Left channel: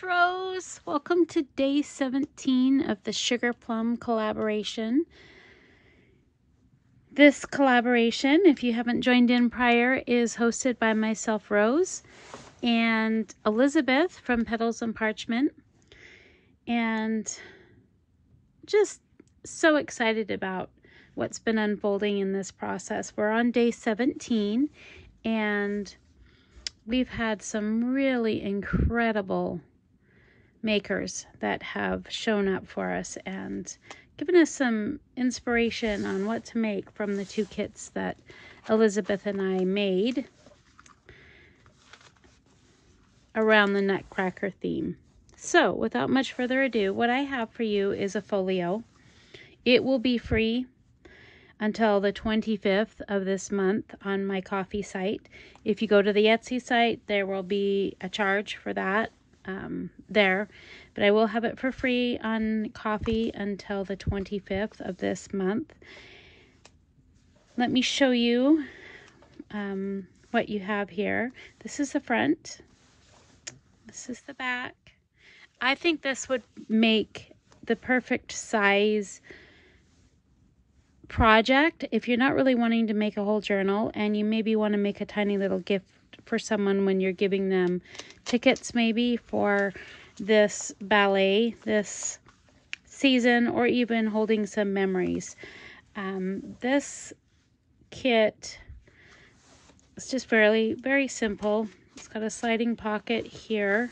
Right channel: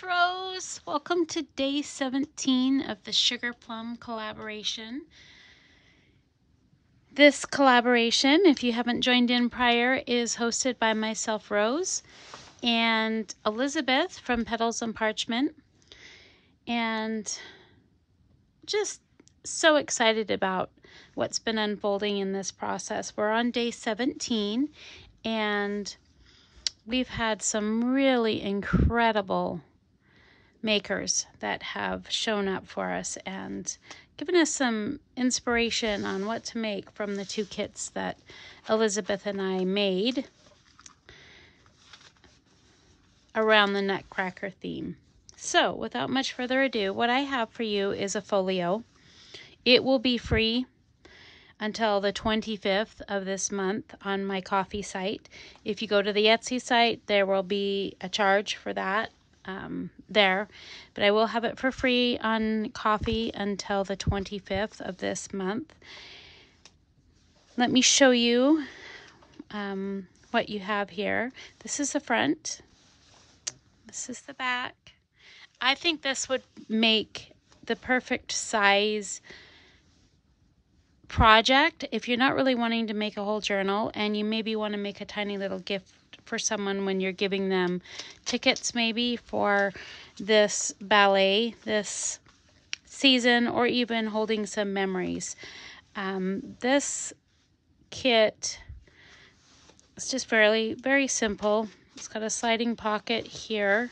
it's Rose. Welcome to day 17 of the Sugarplum collaboration. This collaboration, if you haven't joined in prior, is hosted by myself, Rose, and Elizabeth from Petals and Parchment. And just so excited about what's been unfolding in this process. We're on day 17 and we've had some really incredible makers that have shown up for us and given us some inspiration on what to make from the two kits that Elizabeth and I made around the Nutcracker theme. So without much further ado, what I have for you is a folio. It will be free until the 25th of this month on my Ko-fi site. If you go to the Etsy site, there will be a charge for that there, but I will have it for free on Ko-fi until the 25th of this month. Let me show you what you have here. This is the front. This is the back. I think this would make the perfect size project if you're not really wanting to make a whole journal and you maybe want to make a tiny little gift for someone when you're giving them tickets maybe for this ballet this season, or even holding some memories. This kit is just very simple. It's got a sliding pocket here.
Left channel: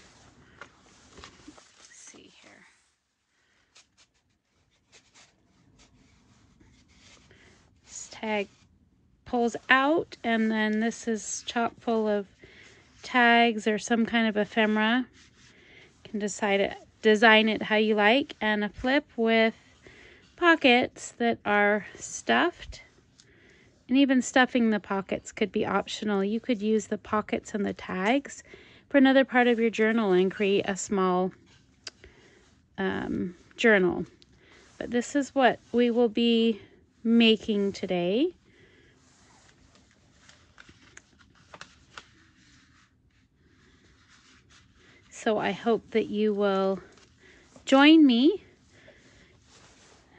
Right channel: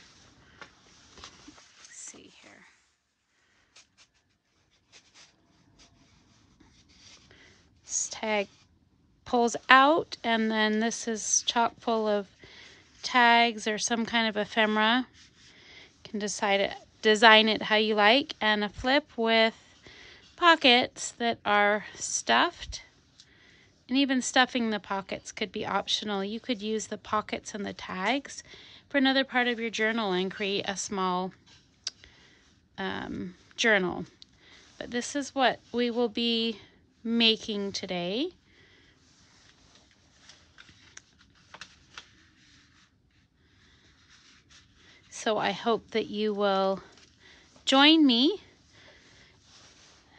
Tag pulls out, and then this is chock full of tags or some kind of ephemera. You can design it how you like, and a flip with pockets that are stuffed, and even stuffing the pockets could be optional. You could use the pockets and the tags for another part of your journal and create a small journal. But this is what we will be making today. So I hope that you will join me,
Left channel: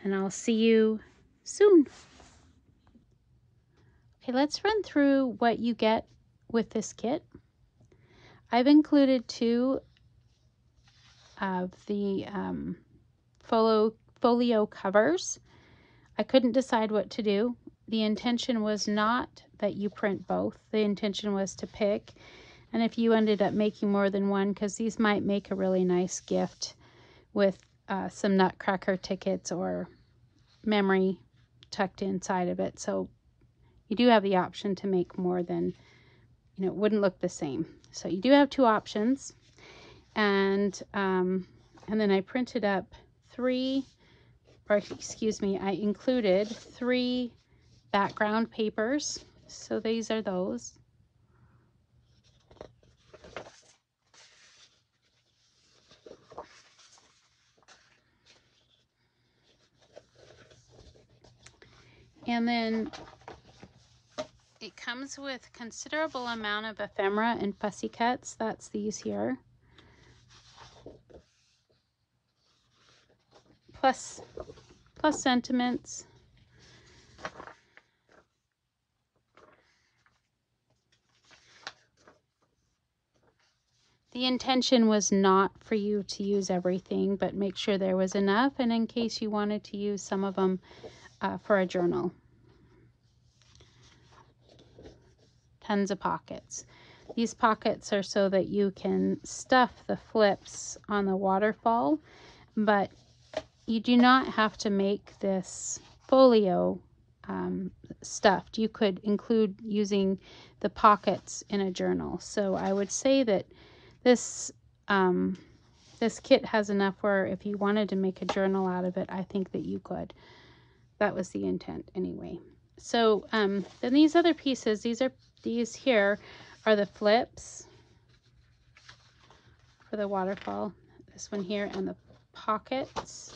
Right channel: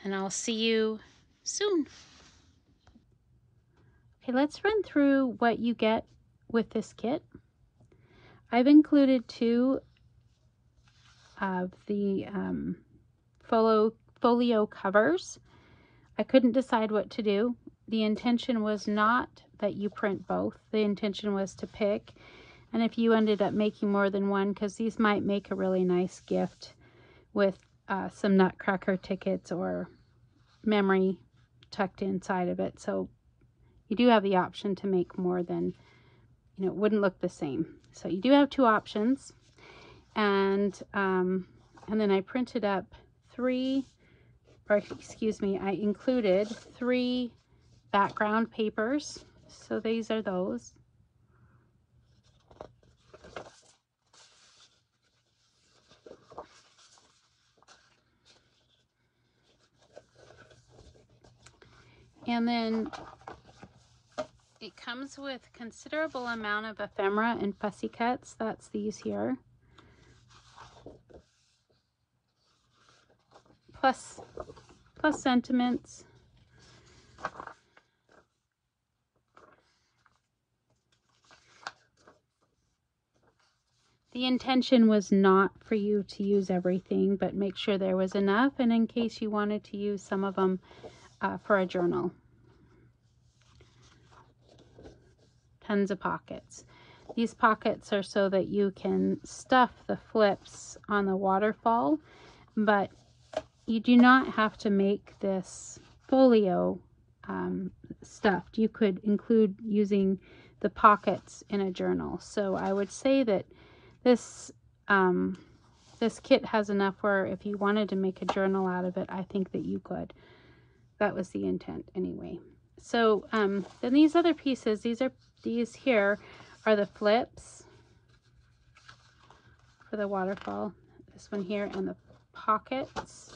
and I'll see you soon. Okay, let's run through what you get with this kit. I've included two of the folio covers. I couldn't decide what to do. The intention was not that you print both. The intention was to pick. And if you ended up making more than one, because these might make a really nice gift with some Nutcracker tickets or memory tucked inside of it. So you do have the option to make more than, it wouldn't look the same. So you do have two options. And then I printed up I included 3 background papers. So these are those. And then it comes with considerable amount of ephemera and fussy cuts. That's these here. Plus sentiments. The intention was not for you to use everything, but make sure there was enough, and in case you wanted to use some of them for a journal. Tons of pockets. These pockets are so that you can stuff the flips on the waterfall, but you do not have to make this folio stuffed. You could include using the pockets in a journal. So I would say that this kit has enough where if you wanted to make a journal out of it, I think that you could. That was the intent anyway. So then these other pieces, these here are the flips for the waterfall. This one here, and the pockets.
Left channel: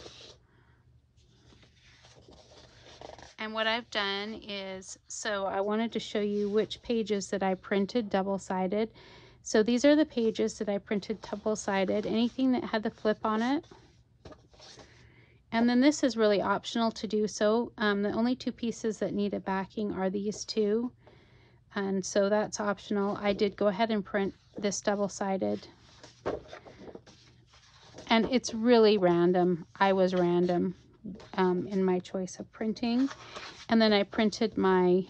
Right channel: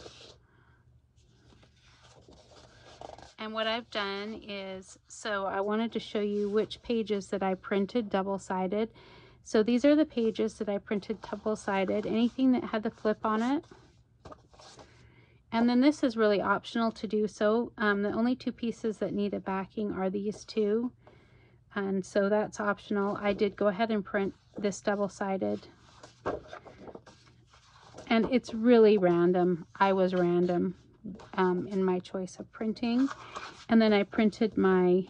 And what I've done is, so I wanted to show you which pages that I printed double-sided. So these are the pages that I printed double-sided, anything that had the flip on it. And then this is really optional to do so. The only two pieces that need a backing are these two. And so that's optional. I did go ahead and print this double-sided. And it's really random. I was random in my choice of printing. And then I printed my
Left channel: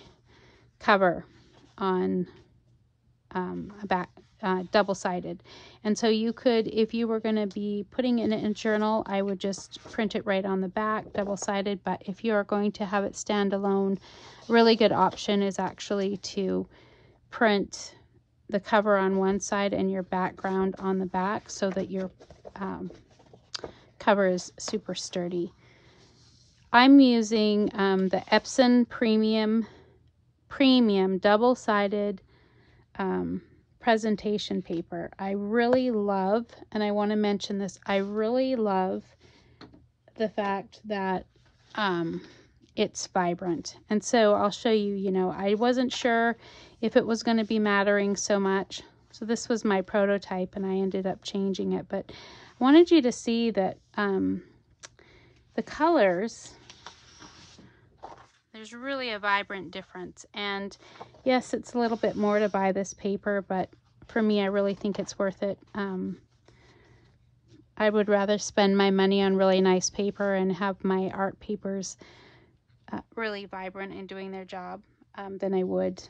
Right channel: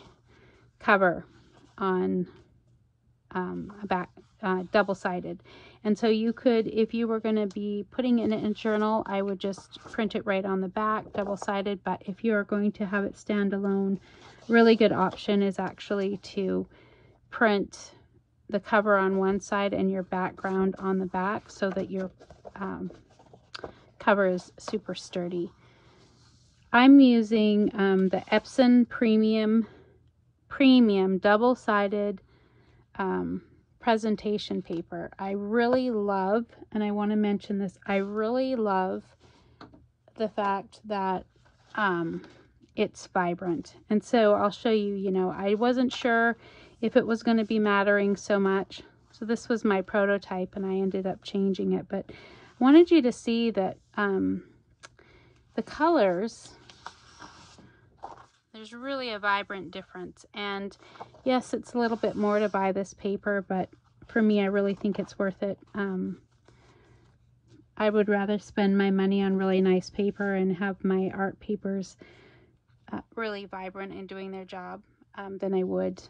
cover on a back double-sided. And so you could, if you were going to be putting it in a journal, I would just print it right on the back, double-sided. But if you are going to have it stand alone, really good option is actually to print the cover on one side and your background on the back, so that your cover is super sturdy. I'm using the Epson Premium double-sided presentation paper. I really love, and I want to mention this, I really love the fact that it's vibrant. And so I'll show you, you know, I wasn't sure if it was going to be mattering so much. So this was my prototype and I ended up changing it, but I wanted you to see that the colors, there's really a vibrant difference. And yes, it's a little bit more to buy this paper, but for me, I really think it's worth it. I would rather spend my money on really nice paper and have my art papers really vibrant and doing their job than I would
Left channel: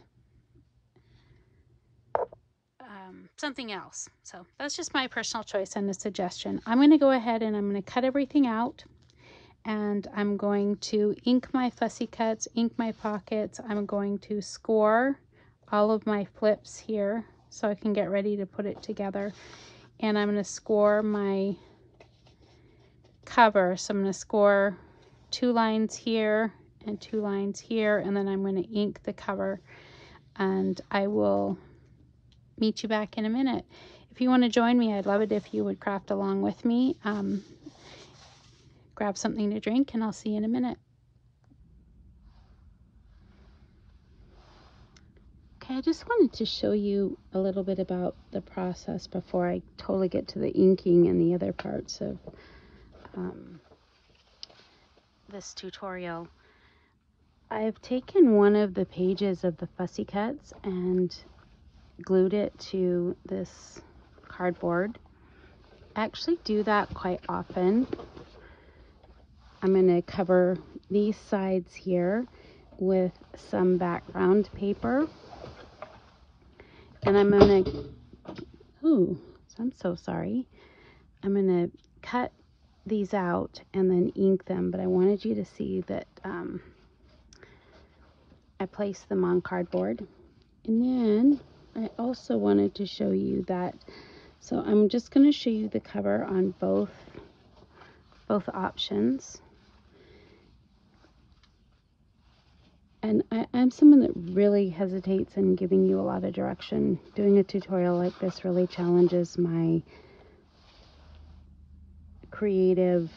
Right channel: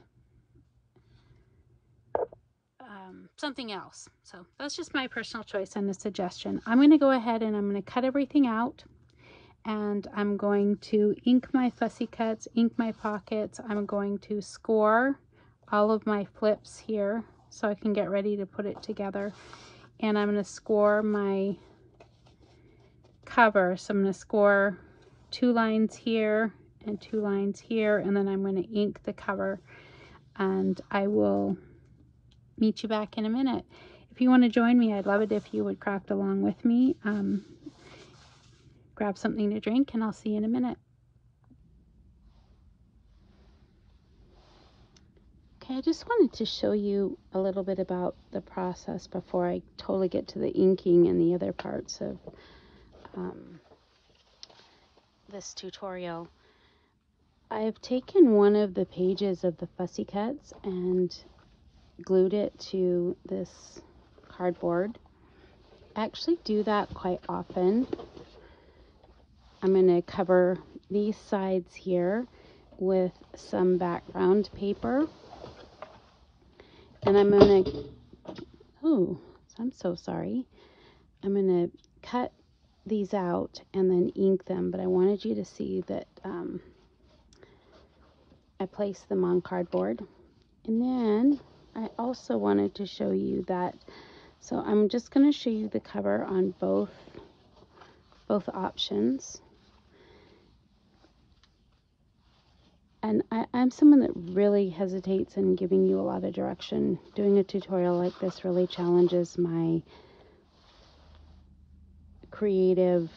something else. So that's just my personal choice and a suggestion. I'm going to go ahead and I'm going to cut everything out. And I'm going to ink my fussy cuts, ink my pockets. I'm going to score all of my flips here so I can get ready to put it together. And I'm going to score my cover. So I'm going to score 2 lines here and 2 lines here, and then I'm going to ink the cover. And I will meet you back in a minute. If you want to join me, I'd love it if you would craft along with me. Grab something to drink, and I'll see you in a minute. Okay, I just wanted to show you a little bit about the process before I totally get to the inking and the other parts of this tutorial. I've taken one of the pages of the fussy cuts and glued it to this cardboard. I actually do that quite often. I'm going to cover these sides here with some background paper. And I'm going to, oh, I'm so sorry. I'm going to cut these out and then ink them. But I wanted you to see that I placed them on cardboard. And then I also wanted to show you that, so I'm just going to show you the cover on both options. And I'm someone that really hesitates in giving you a lot of direction. Doing a tutorial like this really challenges my creative,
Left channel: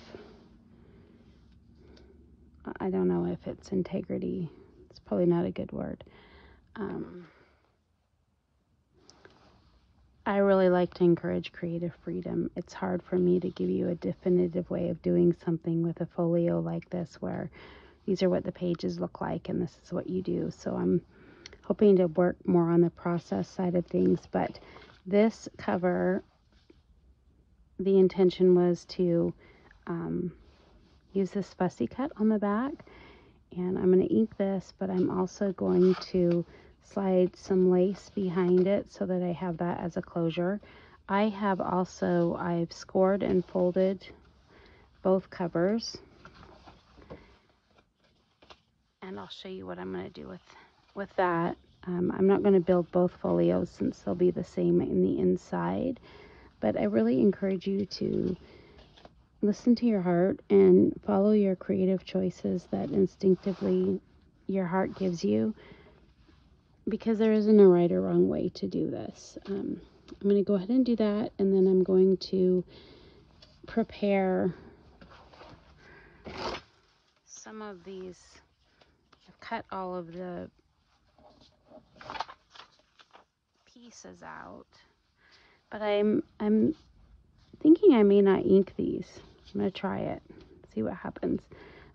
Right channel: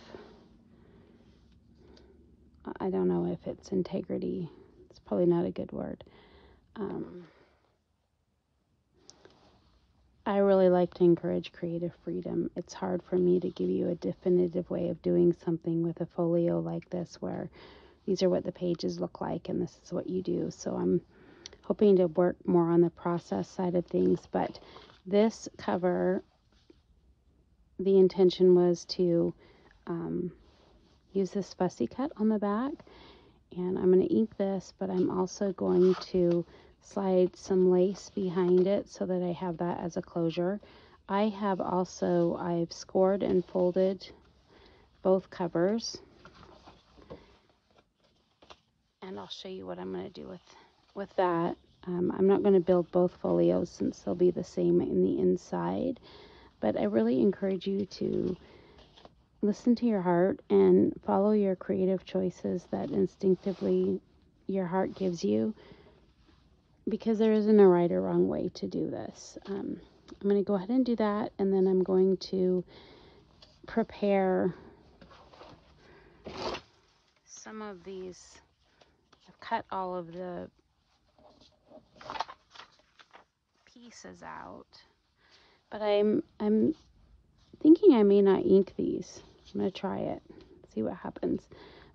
I don't know if it's integrity. It's probably not a good word. I really like to encourage creative freedom. It's hard for me to give you a definitive way of doing something with a folio like this, where these are what the pages look like and this is what you do. So I'm hoping to work more on the process side of things. But this cover, the intention was to use this fussy cut on the back. And I'm going to ink this, but I'm also going to slide some lace behind it so that I have that as a closure. I've scored and folded both covers. And I'll show you what I'm going to do with that. I'm not going to build both folios since they'll be the same in the inside. But I really encourage you to listen to your heart and follow your creative choices that instinctively your heart gives you, because there isn't a right or wrong way to do this. I'm going to go ahead and do that, and then I'm going to prepare some of these. I've cut all of the pieces out. but I'm thinking I may not ink these. I'm going to try it, see what happens.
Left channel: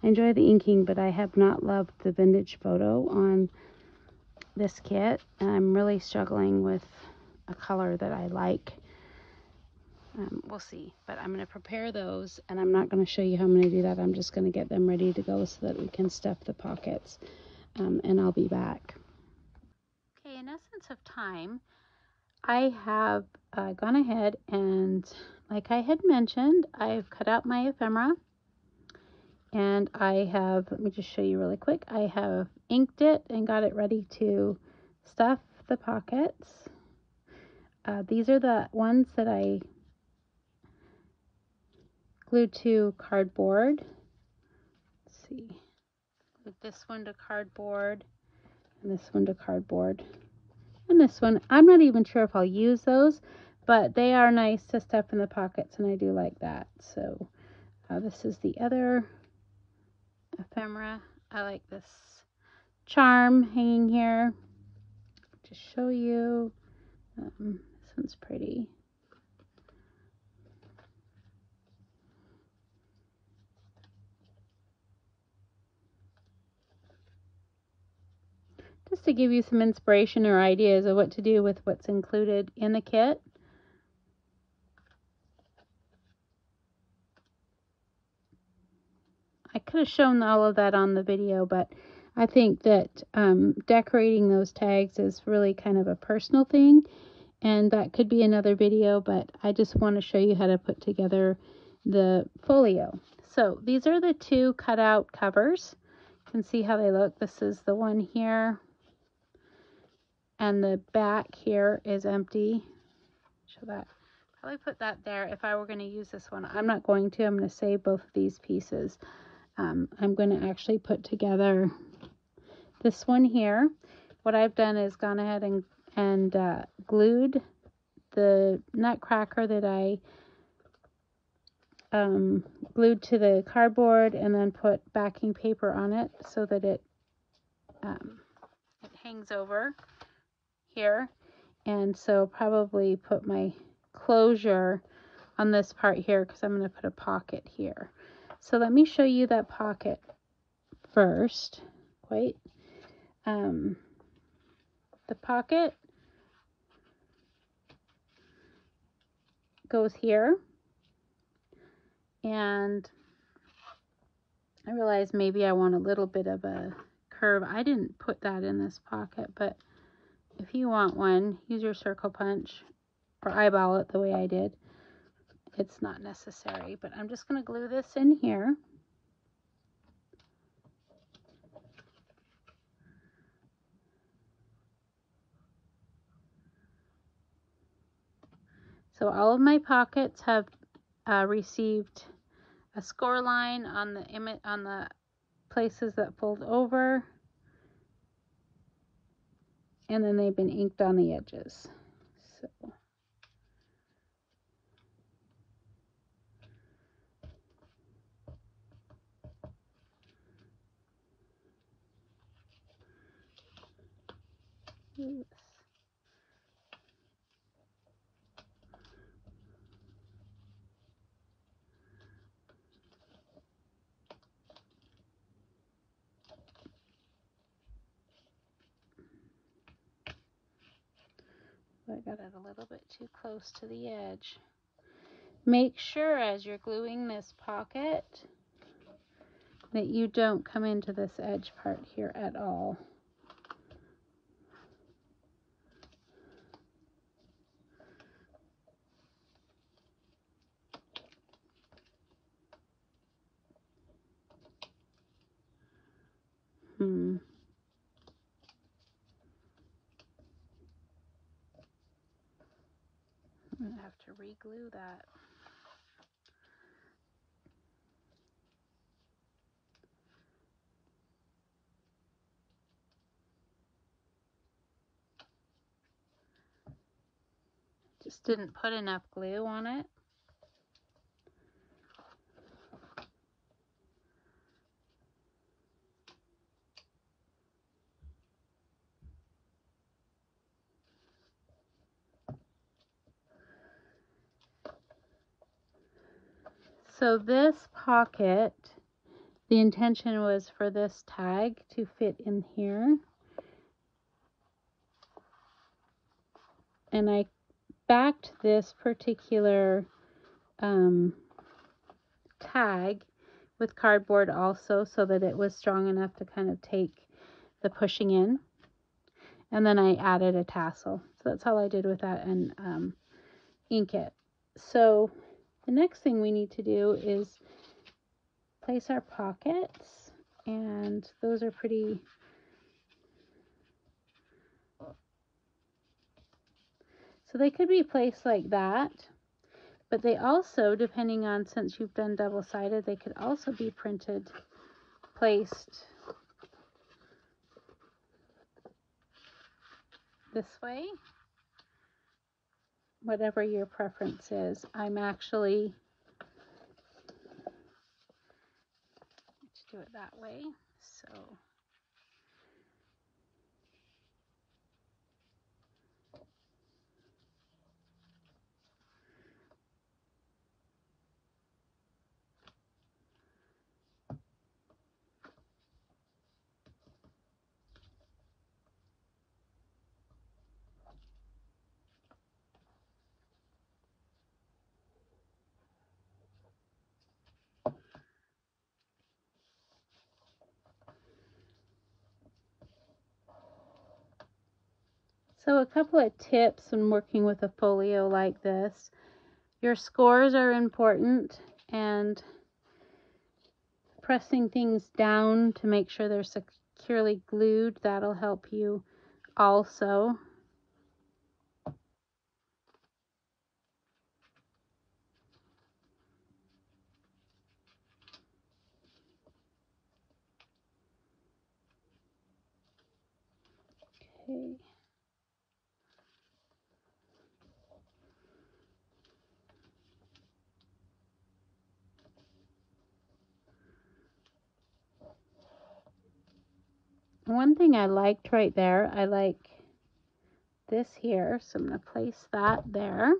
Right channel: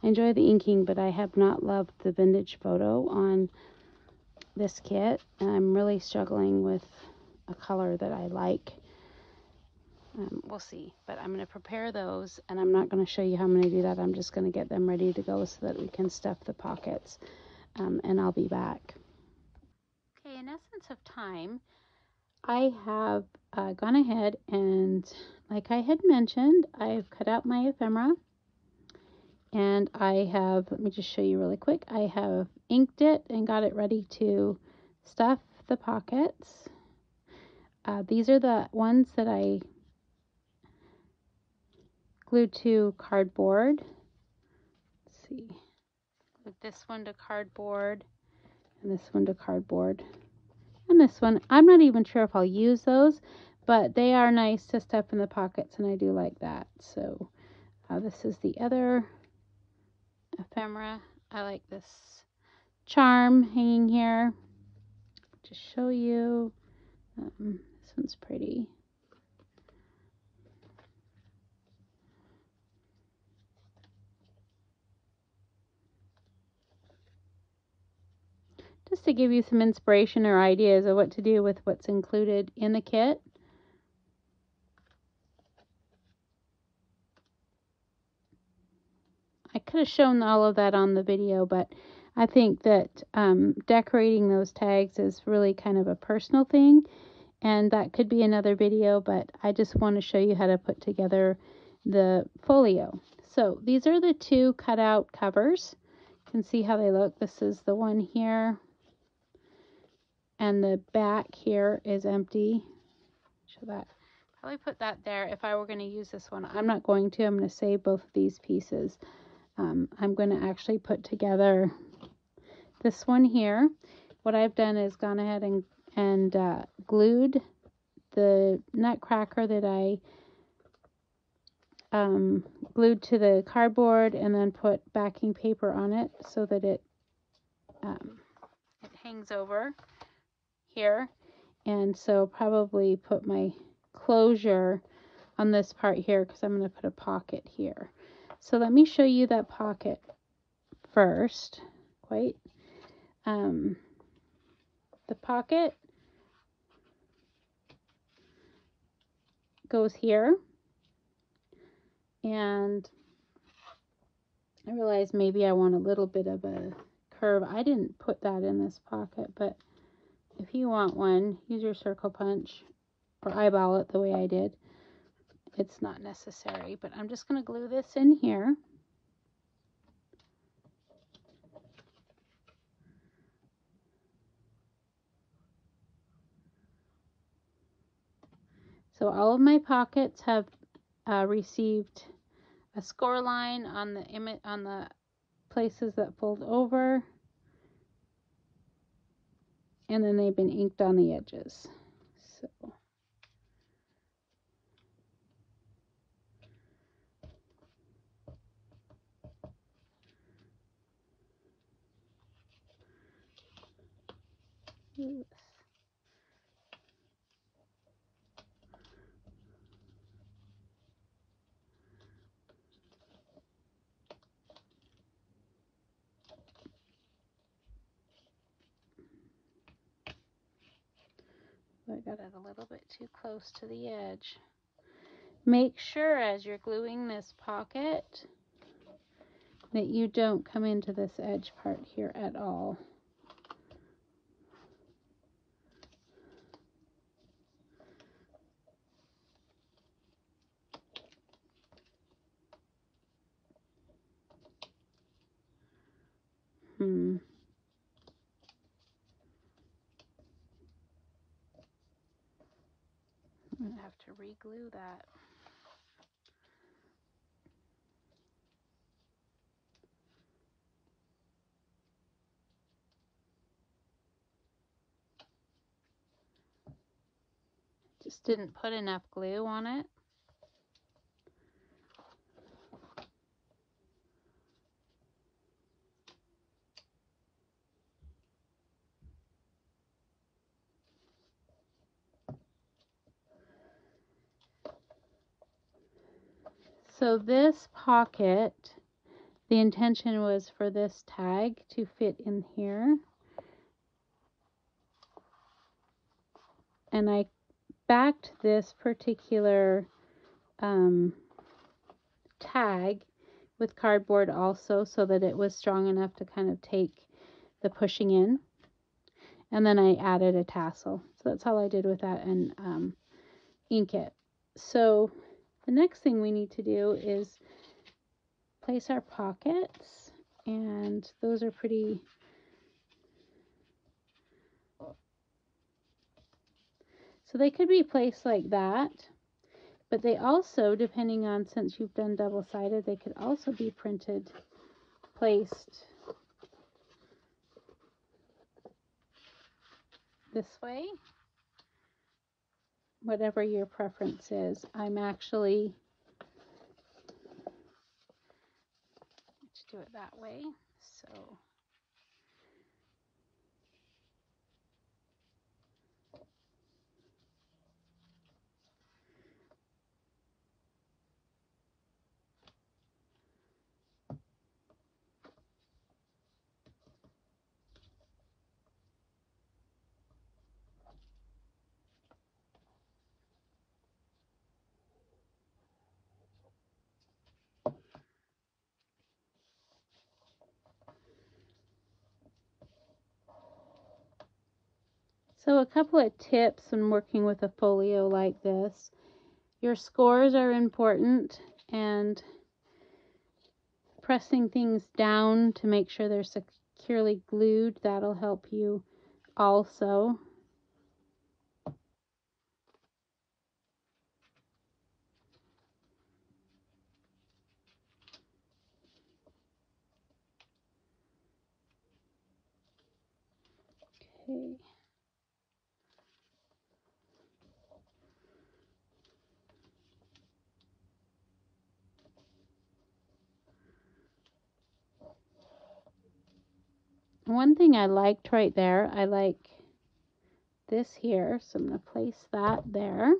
I enjoy the inking, but I have not loved the vintage photo on this kit, and I'm really struggling with a color that I like. We'll see, but I'm going to prepare those, and I'm not going to show you how I'm going to do that. I'm just going to get them ready to go so that we can stuff the pockets, and I'll be back. Okay, in essence of time, I have gone ahead and, like I had mentioned, I've cut out my ephemera, and I have, let me just show you really quick, I have inked it and got it ready to stuff the pockets. These are the ones that I glued to cardboard. Let's see, glued this one to cardboard, and this one to cardboard, and this one. I'm not even sure if I'll use those, but they are nice to stuff in the pockets, and I do like that. So this is the other ephemera. I like this charm hanging here. Just show you. This one's pretty. Just to give you some inspiration or ideas of what to do with what's included in the kit. I could have shown all of that on the video, but I think that decorating those tags is really kind of a personal thing, and that could be another video, but I just want to show you how to put together the folio. So these are the two cutout covers. You can see how they look. This is the one here, and the back here is empty. Show that. Probably put that there if I were going to use this one. I'm not going to. I'm going to save both of these pieces. I'm going to actually put together this one here. What I've done is gone ahead and glued the nutcracker that I glued to the cardboard, and then put backing paper on it so that it hangs over here. And so probably put my closure on this part here, because I'm going to put a pocket here. So let me show you that pocket first. Wait. The pocket goes here, and I realized maybe I want a little bit of a curve. I didn't put that in this pocket, but if you want one, use your circle punch or eyeball it the way I did. It's not necessary, but I'm just going to glue this in here. So all of my pockets have received a score line on the image, on the places that fold over, and then they've been inked on the edges. So oops. I got it a little bit too close to the edge. Make sure as you're gluing this pocket that you don't come into this edge part here at all. I'm gonna have to re-glue that. Just didn't put enough glue on it. So this pocket, the intention was for this tag to fit in here. And I backed this particular tag with cardboard also, so that it was strong enough to kind of take the pushing in. And then I added a tassel. So that's all I did with that, and ink it. So the next thing we need to do is place our pockets, and those are pretty so they could be placed like that, but they also, depending on, since you've done double-sided, they could also be placed this way, whatever your preference is. I'm actually, let's do it that way. So a couple of tips when working with a folio like this. Your scores are important, and pressing things down to make sure they're securely glued, that'll help you also. Okay. One thing I liked right there, I like this here, so I'm going to place that there.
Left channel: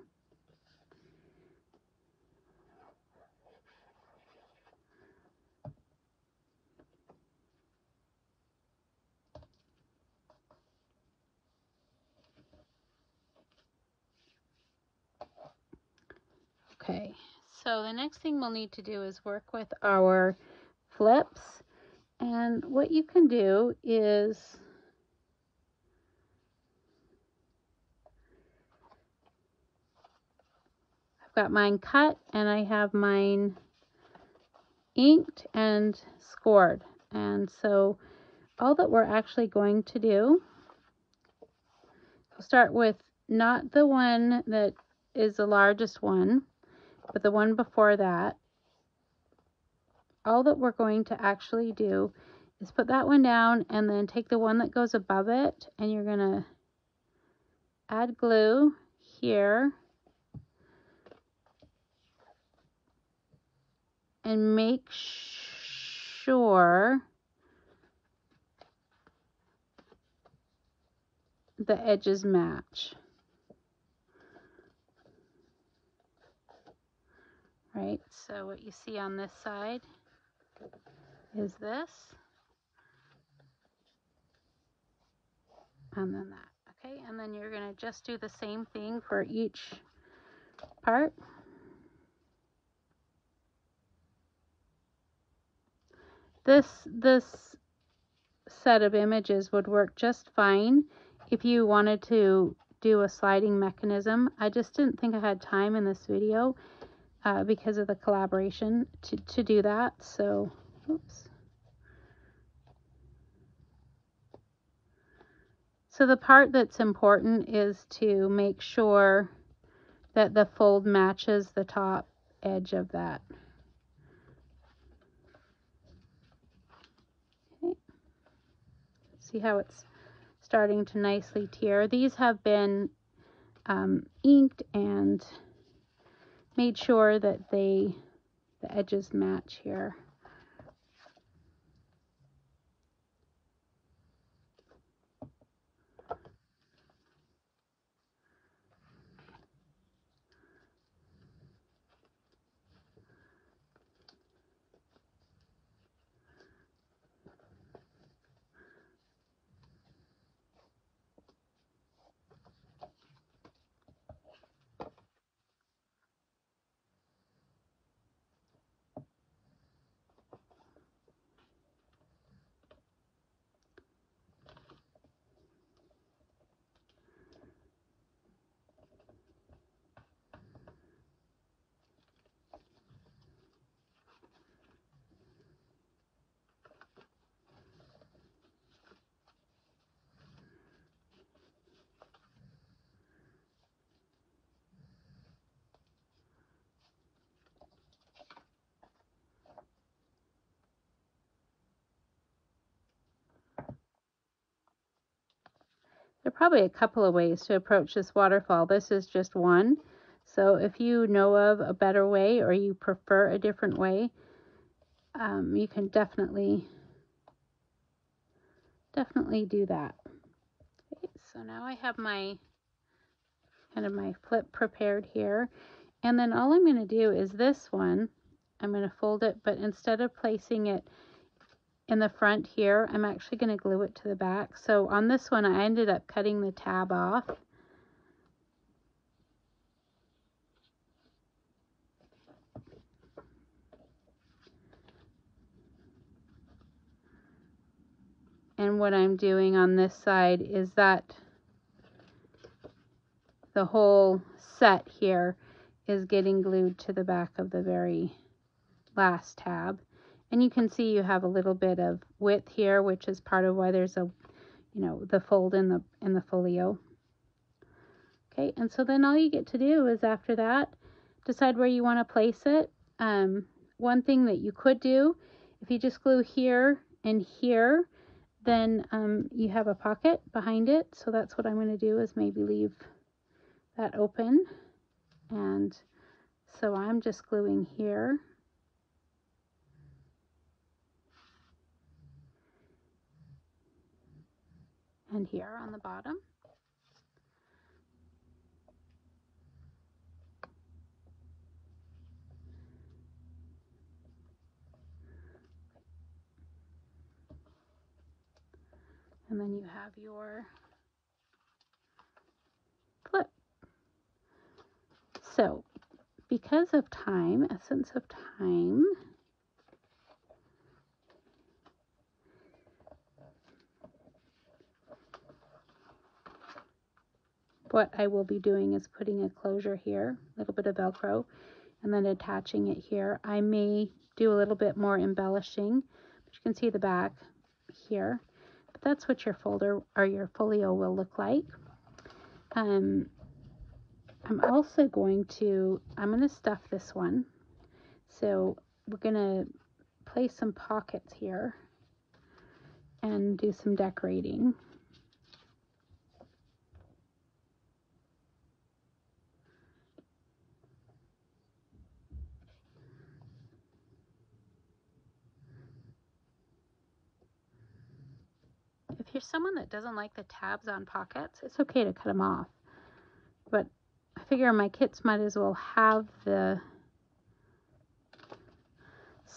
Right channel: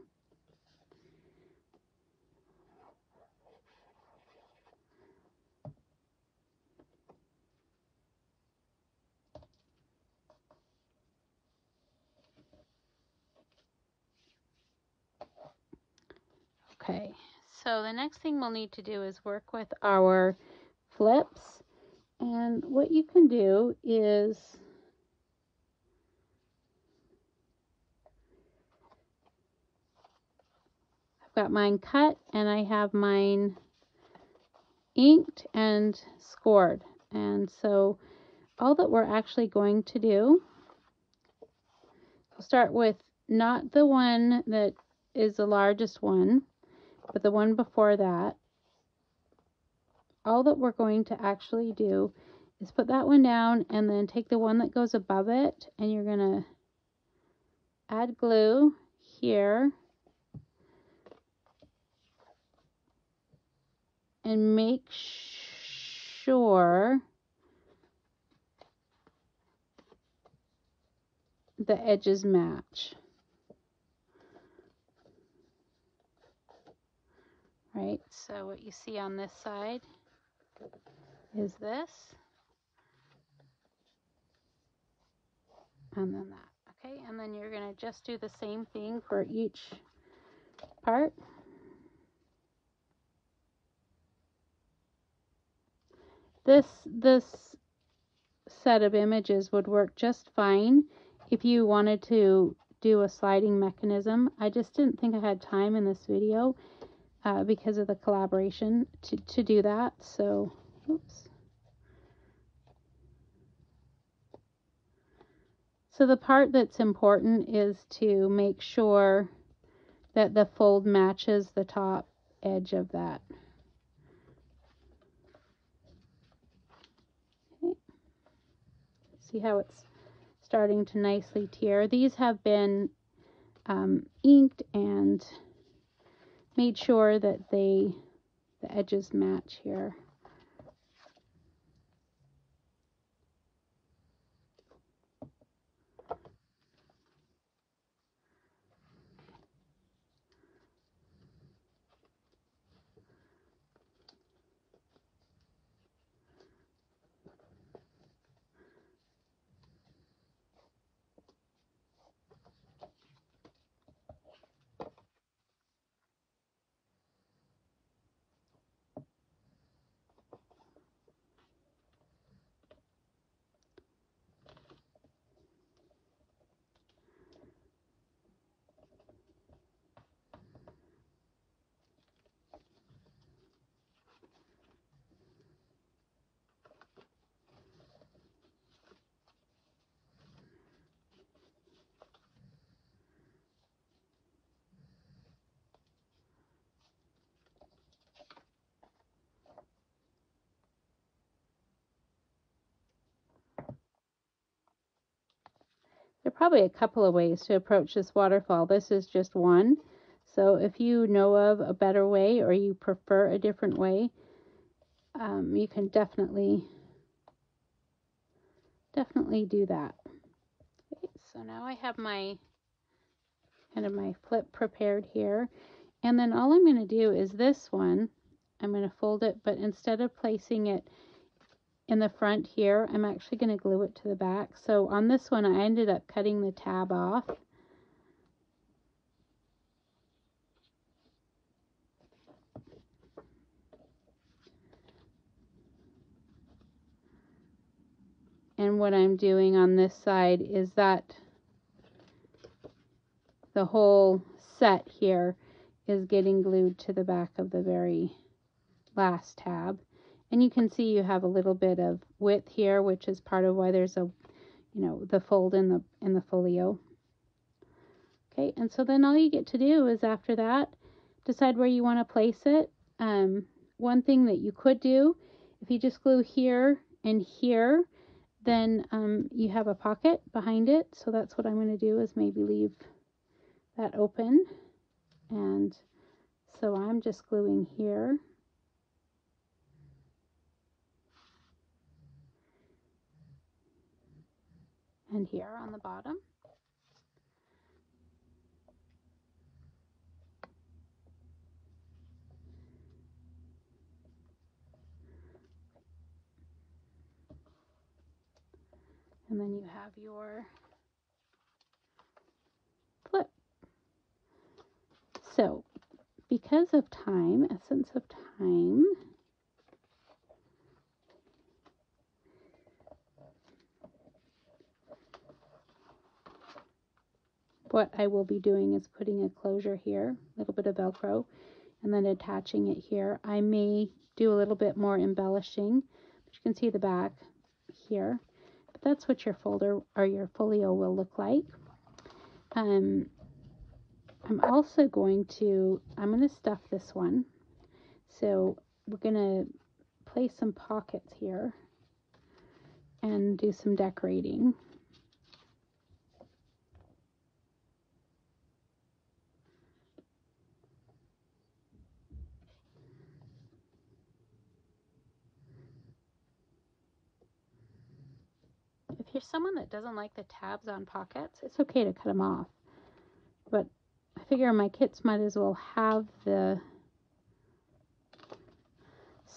Okay, so the next thing we'll need to do is work with our flips. And what you can do is, I've got mine cut and I have mine inked and scored. And so all that we're actually going to do, we'll start with not the one that is the largest one, but the one before that. All that we're going to actually do is put that one down and then take the one that goes above it, and you're going to add glue here and make sure the edges match. Right, so what you see on this side is this, and then that. Okay, and then you're going to just do the same thing for each part. This set of images would work just fine if you wanted to do a sliding mechanism. I just didn't think I had time in this video because of the collaboration to do that. So, oops. So the part that's important is to make sure that the fold matches the top edge of that. Okay. See how it's starting to nicely tear. These have been inked and made sure that the edges match here. are probably a couple of ways to approach this waterfall. This is just one. So if you know of a better way or you prefer a different way, you can definitely do that. Okay, so now I have my kind of my flip prepared here. And then all I'm going to do is this one, I'm going to fold it, but instead of placing it in the front here, I'm actually going to glue it to the back. So on this one, I ended up cutting the tab off. And what I'm doing on this side is that the whole set here is getting glued to the back of the very last tab. And you can see you have a little bit of width here, which is part of why there's a, you know, the fold in the folio. Okay, and so then all you get to do is after that, decide where you want to place it. One thing that you could do, if you just glue here and here, then you have a pocket behind it. So that's what I'm going to do, is maybe leave that open. And so I'm just gluing here. And here on the bottom. And then you have your flip. So, because of time, essence of time, what I will be doing is putting a closure here, a little bit of Velcro, and then attaching it here. I may do a little bit more embellishing, but you can see the back here. But that's what your folder or your folio will look like. I'm also going to, stuff this one. So we're going to place some pockets here and do some decorating. If you're someone that doesn't like the tabs on pockets, it's okay to cut them off. But I figure my kits might as well have the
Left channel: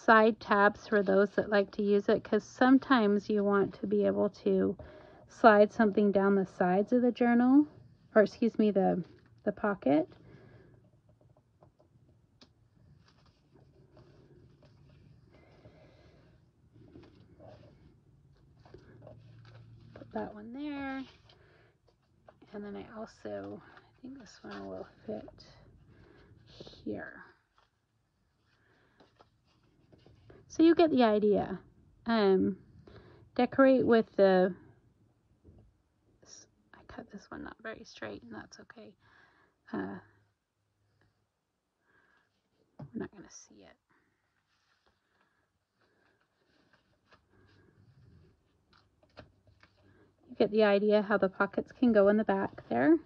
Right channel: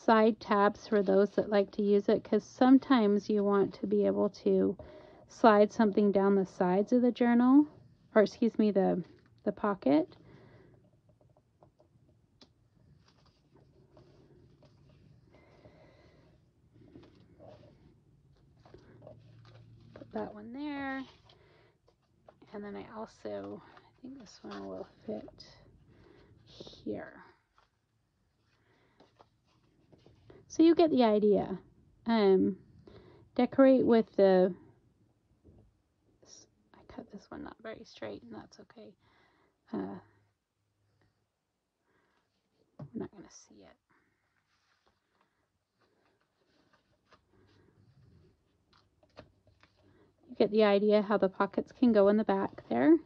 side tabs for those that like to use it, because sometimes you want to be able to slide something down the sides of the journal, or excuse me, the pocket. Put that one there. And then I also, I think this one will fit here. So you get the idea. Decorate with the, I cut this one not very straight, and that's okay. We're not going to see it. You get the idea how the pockets can go in the back there.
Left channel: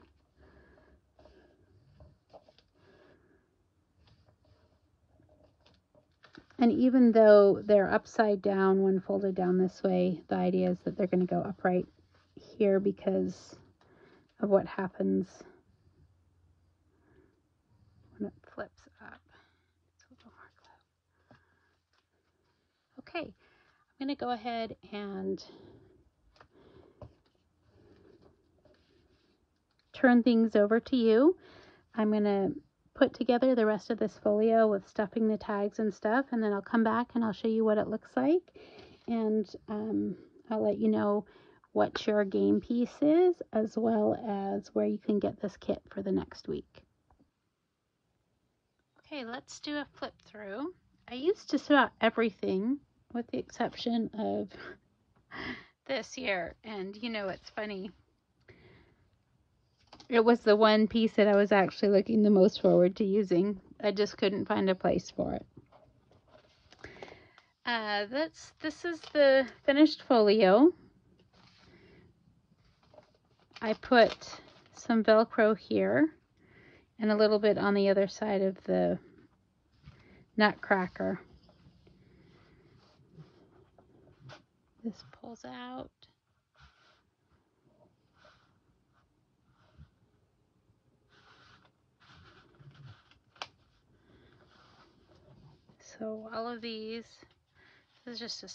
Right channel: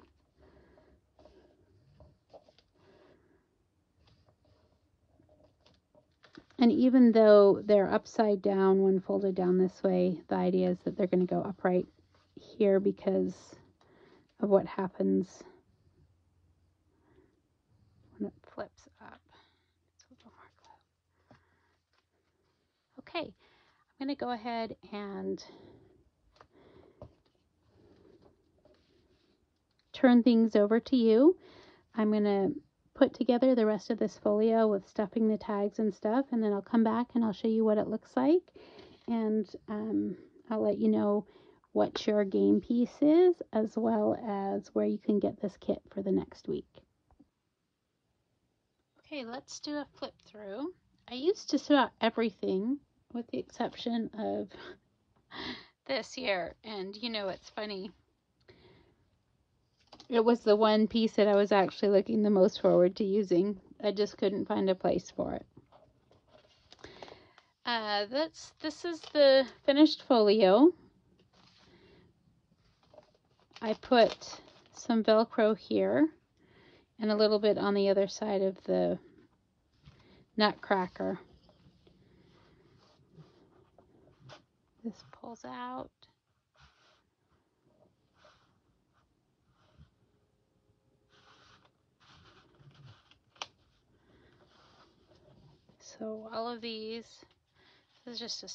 And even though they're upside down when folded down this way, the idea is that they're going to go upright here because of what happens when it flips up. It's a little more glue. Okay, I'm going to go ahead and turn things over to you. I'm going to put together the rest of this folio with stuffing the tags and stuff, and then I'll come back and I'll show you what it looks like, and I'll let you know what your game piece is, as well as where you can get this kit for the next week. Okay, let's do a flip through. I used just about everything with the exception of this here, and you know, it's funny. It was the one piece that I was actually looking the most forward to using. I just couldn't find a place for it. This is the finished folio. I put some Velcro here and a little bit on the other side of the Nutcracker. This pulls out. So all of these, this is just a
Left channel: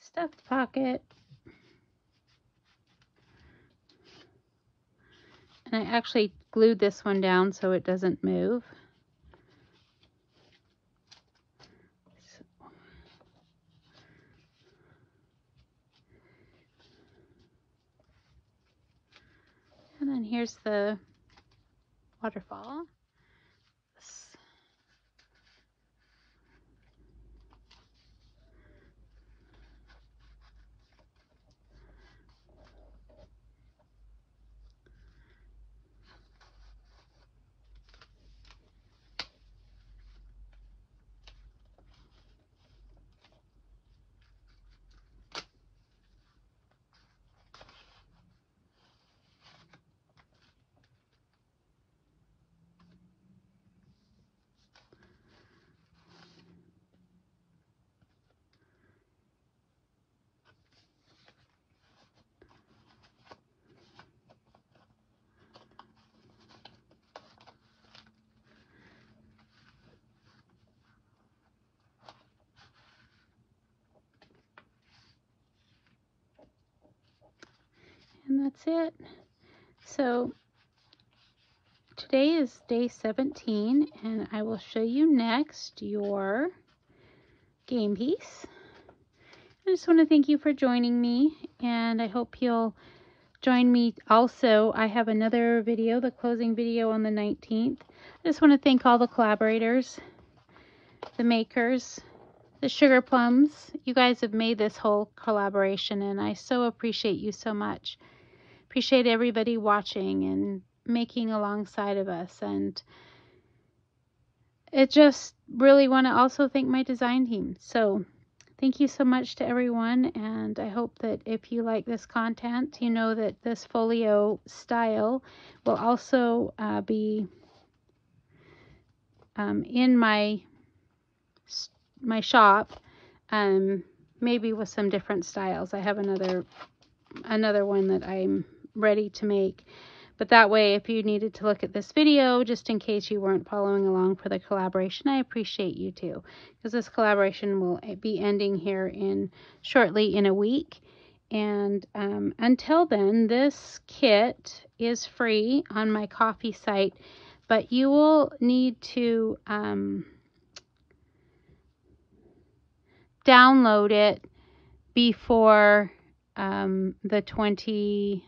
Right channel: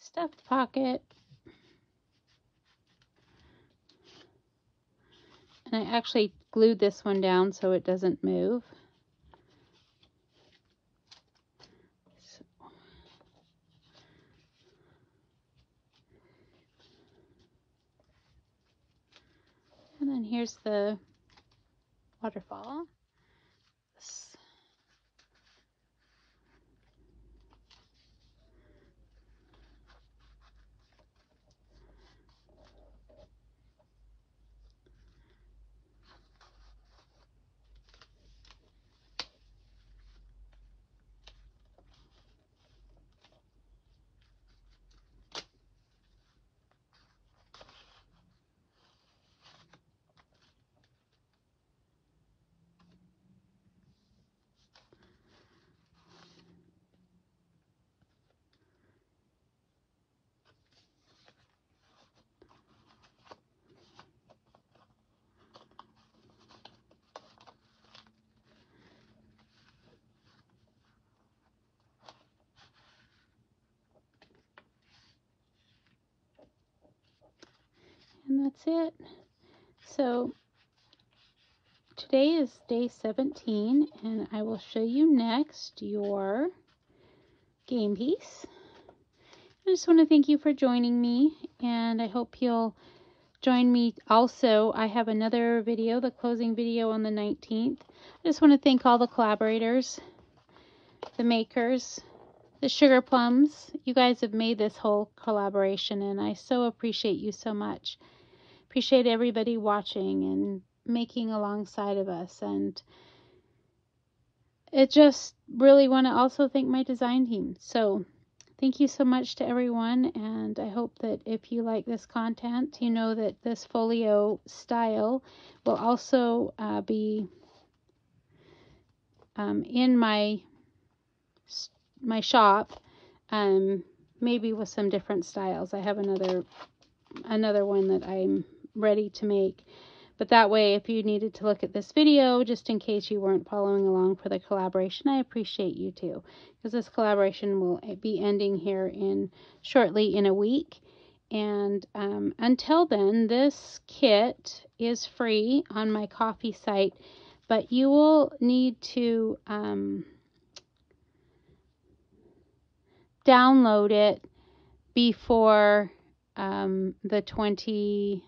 stuffed pocket. And I actually glued this one down so it doesn't move. And then here's the waterfall. And that's it. So today is day 17, and I will show you next your game piece. I just want to thank you for joining me, and I hope you'll join me also. I have another video, the closing video on the 19th. I just want to thank all the collaborators, the makers, the Sugar Plums. You guys have made this whole collaboration, and I so appreciate you so much. Appreciate everybody watching and making alongside of us. And it just really want to also thank my design team. So thank you so much to everyone, and I hope that if you like this content, you know that this folio style will also be in my shop, maybe with some different styles. I have another one that I'm ready to make, but that way, if you needed to look at this video, just in case you weren't following along for the collaboration, I appreciate you too, because this collaboration will be ending here shortly in a week. And until then, this kit is free on my Ko-fi site, but you will need to download it before the 25th.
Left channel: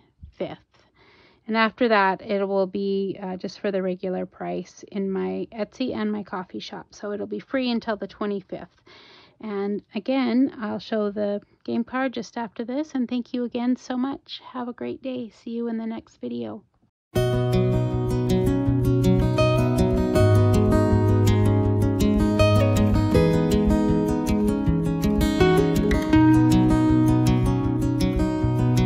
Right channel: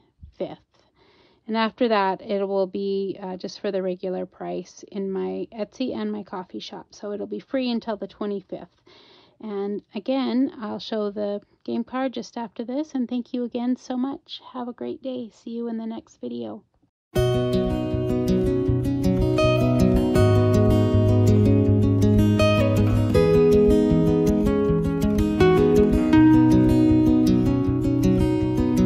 And after that, it will be just for the regular price in my Etsy and my Ko-fi shop. So it'll be free until the 25th. And again, I'll show the game card just after this. And thank you again so much. Have a great day. See you in the next video.